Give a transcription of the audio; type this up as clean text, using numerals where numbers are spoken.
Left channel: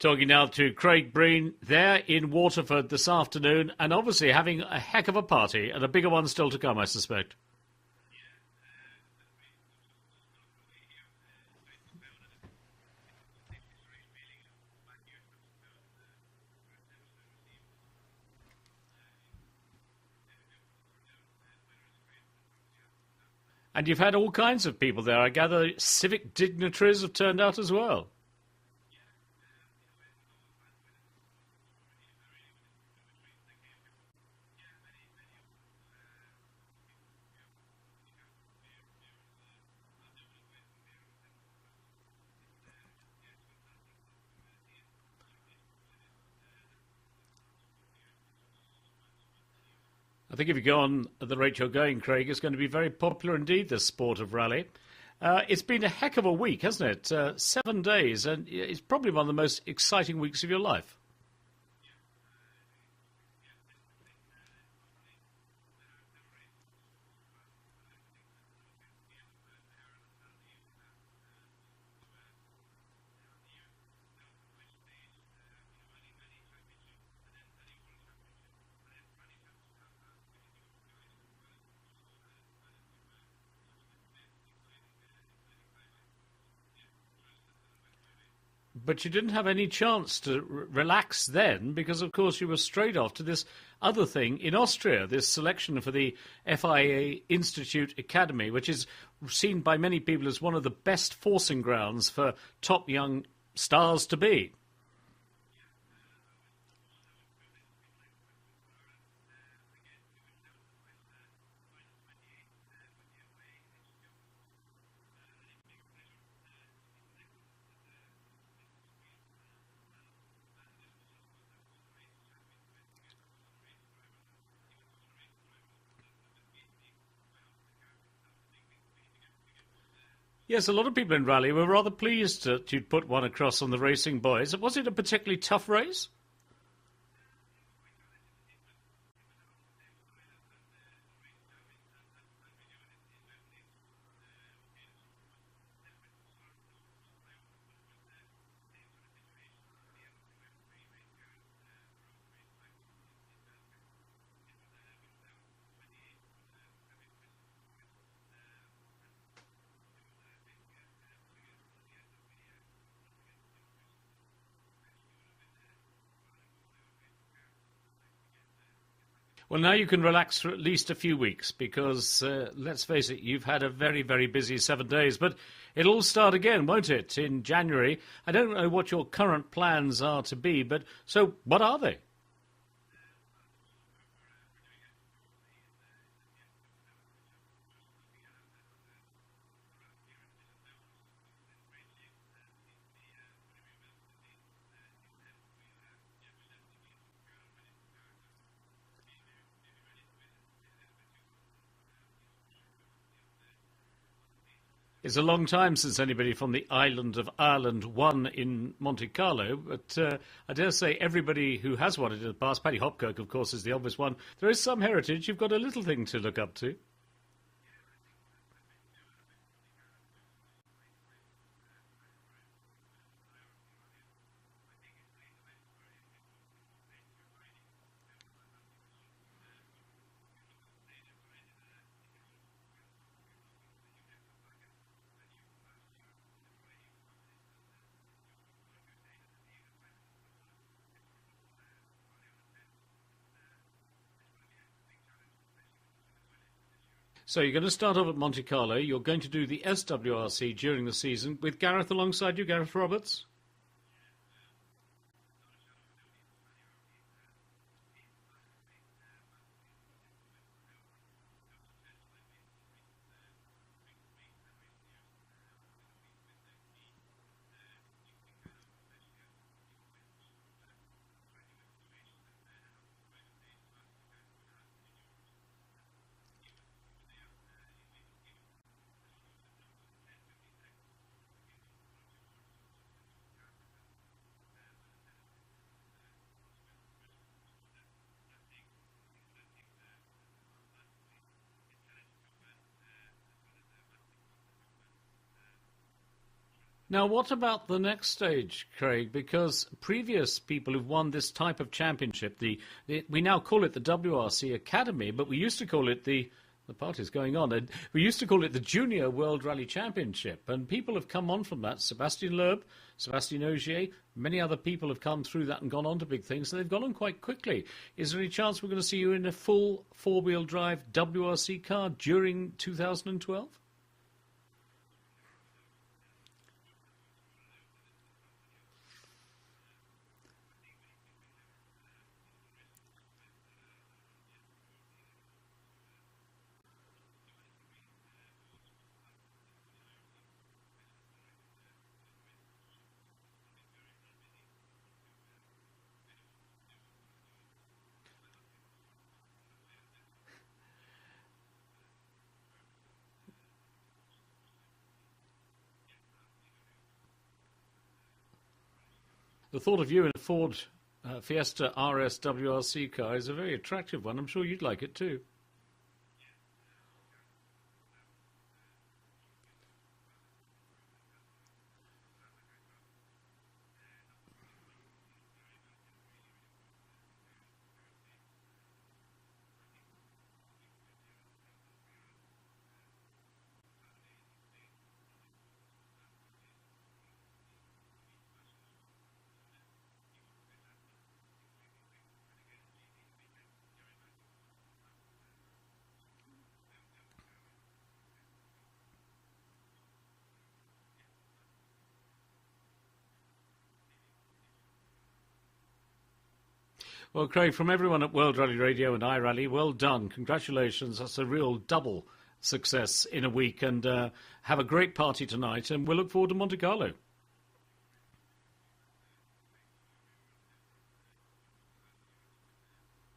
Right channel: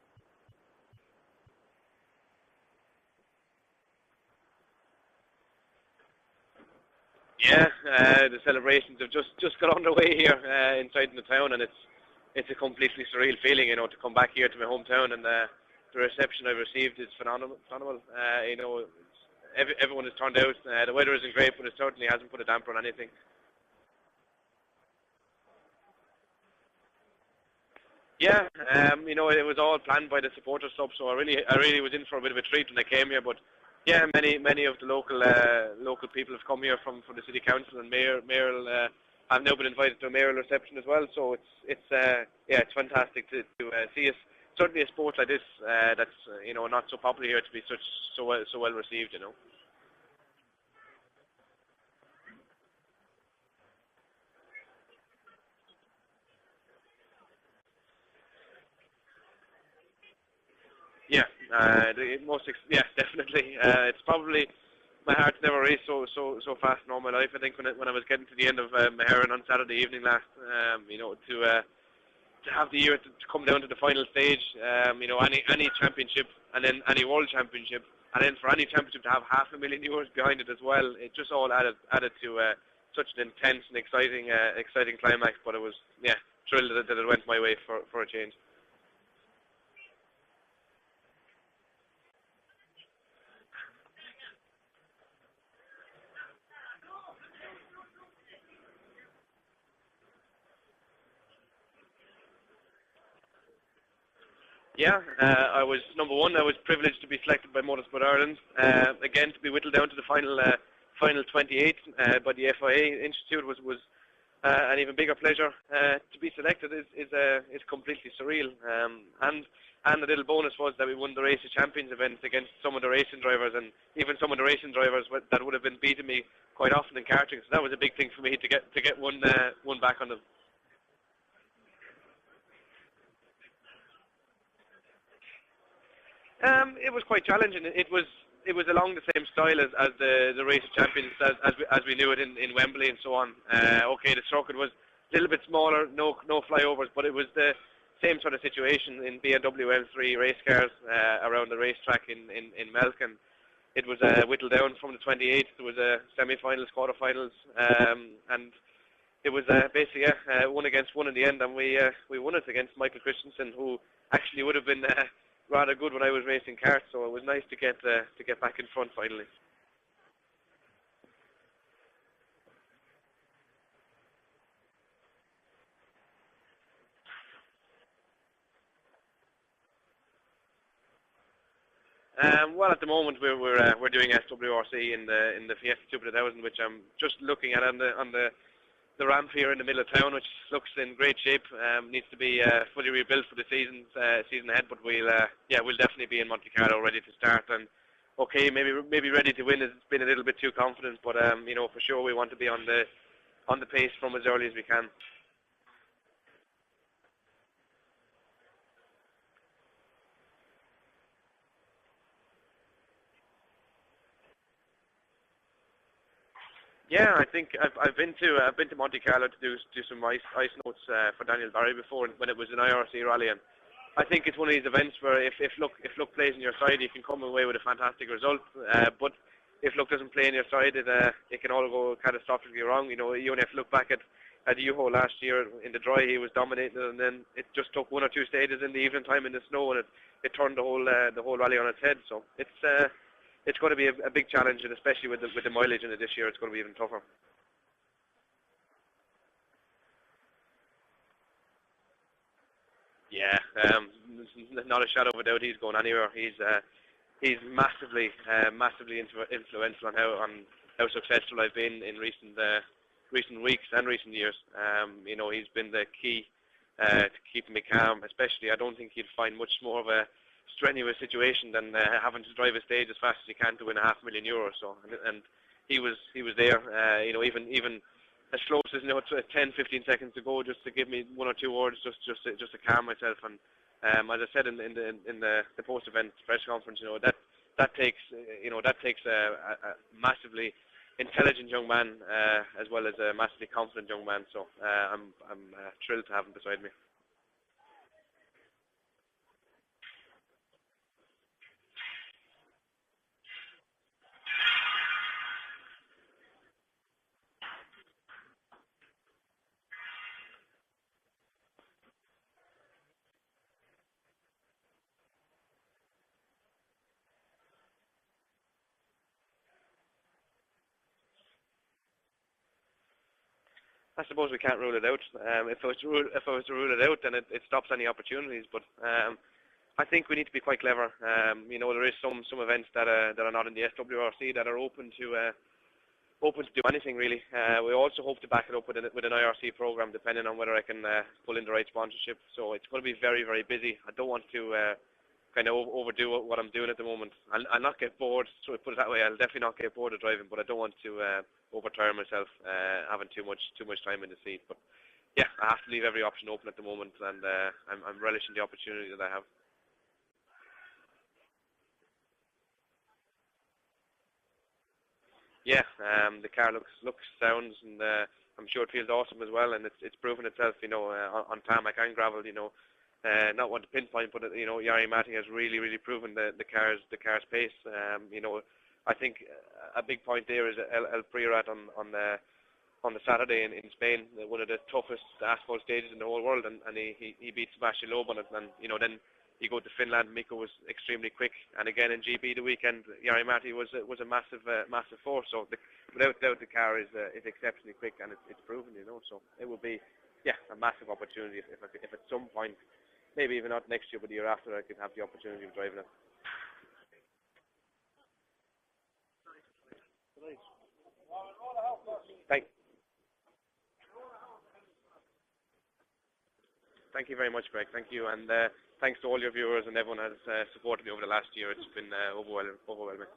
Talking now to Craig Breen there in Waterford this afternoon, and obviously having a heck of a party, and a bigger one still to come, I suspect. Yeah, the celebrations have just got underway here inside the town, and it's a completely surreal feeling, to come back here to my hometown, and the reception I've received is phenomenal. Everyone has turned out. The weather isn't great, but it certainly hasn't put a damper on anything. And you've had all kinds of people there. I gather civic dignitaries have turned out as well. Yeah, it was all planned by the supporters club, so I really was in for a bit of a treat when I came here. But yeah, many of the local people have come here from the city council and mayoral. I've now been invited to a mayoral reception as well, so it's fantastic to see us. Certainly a sport like this that's not so popular here to be so well received. I think if you go on at the rate you're going, Craig, it's going to be very popular indeed, this sport of rally. It's been a heck of a week, hasn't it? 7 days, and it's probably one of the most exciting weeks of your life. Yeah, definitely. It's probably my heart's never raced so fast in all my life. I think when I was getting to the end of Maharan on Saturday evening last, to have the year to come down to the final stage, any championship and then any world championship. And then for any championship to have €500,000 behind it as well, it just all added to such an intense and exciting climax. But it was, thrilled that it went my way for a change. But you didn't have any chance to relax then, because of course you were straight off to this other thing in Austria, this selection for the FIA Institute Academy, which is seen by many people as one of the best forcing grounds for top young stars to be. Yeah, I was number one. I was privileged to be selected by Motorsport Ireland. Again, to be whittled down to the final 28 by the FIA Institute was an even bigger pleasure. To be selected is completely surreal. And the little bonus was that we won the Race of Champions event against some of the racing drivers, and even some of the racing drivers that would have been beating me quite often in karting. So that was a big thing for me to get one back on them. Yes, a lot of people in rally were rather pleased to put one across on the racing boys. Was it a particularly tough race? It was quite challenging. It was along the same style as the Race of Champions as we knew it in Wembley and so on. The circuit was a little bit smaller, no flyovers, but it was the same sort of situation in BMW M3 race cars around the racetrack in Melkin. It was whittled down from the 28th. There was semi-finals, quarter-finals, and it was basically one against one in the end, and we won it against Michael Christensen, who actually would have been rather good when I was racing karts, so it was nice to get back in front finally. Well, now you can relax for at least a few weeks, because let's face it, you've had a very, very busy 7 days, but it'll all start again, won't it, in January? I don't know what your current plans are to be, but so what are they? Well, at the moment we're doing SWRC in the Fiesta Super 2000, which I'm just looking at on the ramp here in the middle of town, which looks in great shape. Needs to be fully rebuilt for the season ahead, but we'll definitely be in Monte Carlo ready to start. And maybe ready to win has been a little bit too confident, but for sure we want to be on the pace from as early as we can. It's a long time since anybody from the island of Ireland won in Monte Carlo, but I dare say everybody who has won it in the past, Paddy Hopkirk, of course, is the obvious one. There is some heritage. You've got a little thing to look up to. Yeah, I think I've been to Monte Carlo to do some ice notes for Daniel Barry before when it was an IRC rally, and I think it's one of these events where if luck plays on your side, you can come away with a fantastic result, but if luck doesn't play on your side, it can all go catastrophically wrong. You only have to look back at Juho last year in the dry. He was dominating, and then it just took one or two stages in the evening time in the snow, and it turned the whole rally on its head. So it's going to be a big challenge, and especially with the mileage in it this year, it's going to be even tougher. So you're going to start off at Monte Carlo. You're going to do the SWRC during the season with Gareth alongside you, Gareth Roberts. Yeah, not a shadow of a doubt he's going anywhere. He's massively influential on how successful I've been in recent weeks and recent years. He's been the key to keeping me calm. Especially, I don't think you'd find much more of a strenuous situation than having to drive a stage as fast as you can to win €500,000. So, and he was there. Even as close as 10-15 seconds to go, just to give me one or two words, just to calm myself. And as I said in the post-event press conference, that takes a massively intelligent young man, as well as a massively confident young man. So I'm thrilled to have him beside me. Now, what about the next stage, Craig? Because previous people who've won this type of championship, we now call it the WRC Academy, but we used to call it the party's going on. And we used to call it the Junior World Rally Championship, and people have come on from that. Sébastien Loeb, Sébastien Ogier, many other people have come through that and gone on to big things, and they've gone on quite quickly. Is there any chance we're going to see you in a full four-wheel drive WRC car during 2012? I suppose we can't rule it out. If I was to rule it out, then it stops any opportunities. But I think we need to be quite clever. There is some events that are not in the SWRC that are open to do anything really. We also hope to back it up with an IRC program, depending on whether I can pull in the right sponsorship. So it's going to be very, very busy. I don't want to kind of overdo what I'm doing at the moment. I'll not get bored, so put it that way. I'll definitely not get bored of driving, but I don't want to overtire myself having too much time in the seat. But yeah, I have to leave every option open at the moment, and I'm relishing the opportunity that I have. The thought of you in a Ford Fiesta RS WRC car is a very attractive one. I'm sure you'd like it too. Yeah, the car looks, sounds, and I'm sure it feels awesome as well. And it's proven itself, on tarmac and gravel. Not one to pinpoint, but Jari Matti has really proven the car's pace. I think a big point there is El Priorat on the Saturday in Spain, one of the toughest asphalt stages in the whole world, and he beat Sébastien Loeb on it. And then you go to Finland, Mikko was extremely quick, and again in GB the weekend, Jari Matti was a massive force. So without doubt, the car is exceptionally quick, and it's proven. So it will be a massive opportunity if at some point, maybe even not next year, but the year after, I could have the opportunity of driving it. Well, Craig, from everyone at World Rally Radio and iRally, well done. Congratulations. That's a real double success in a week. And have a great party tonight. And we'll look forward to Monte Carlo. Thank you very much, Greg. Thank you. And thanks to all your viewers and everyone who has supported me over the last year. It's been overwhelming.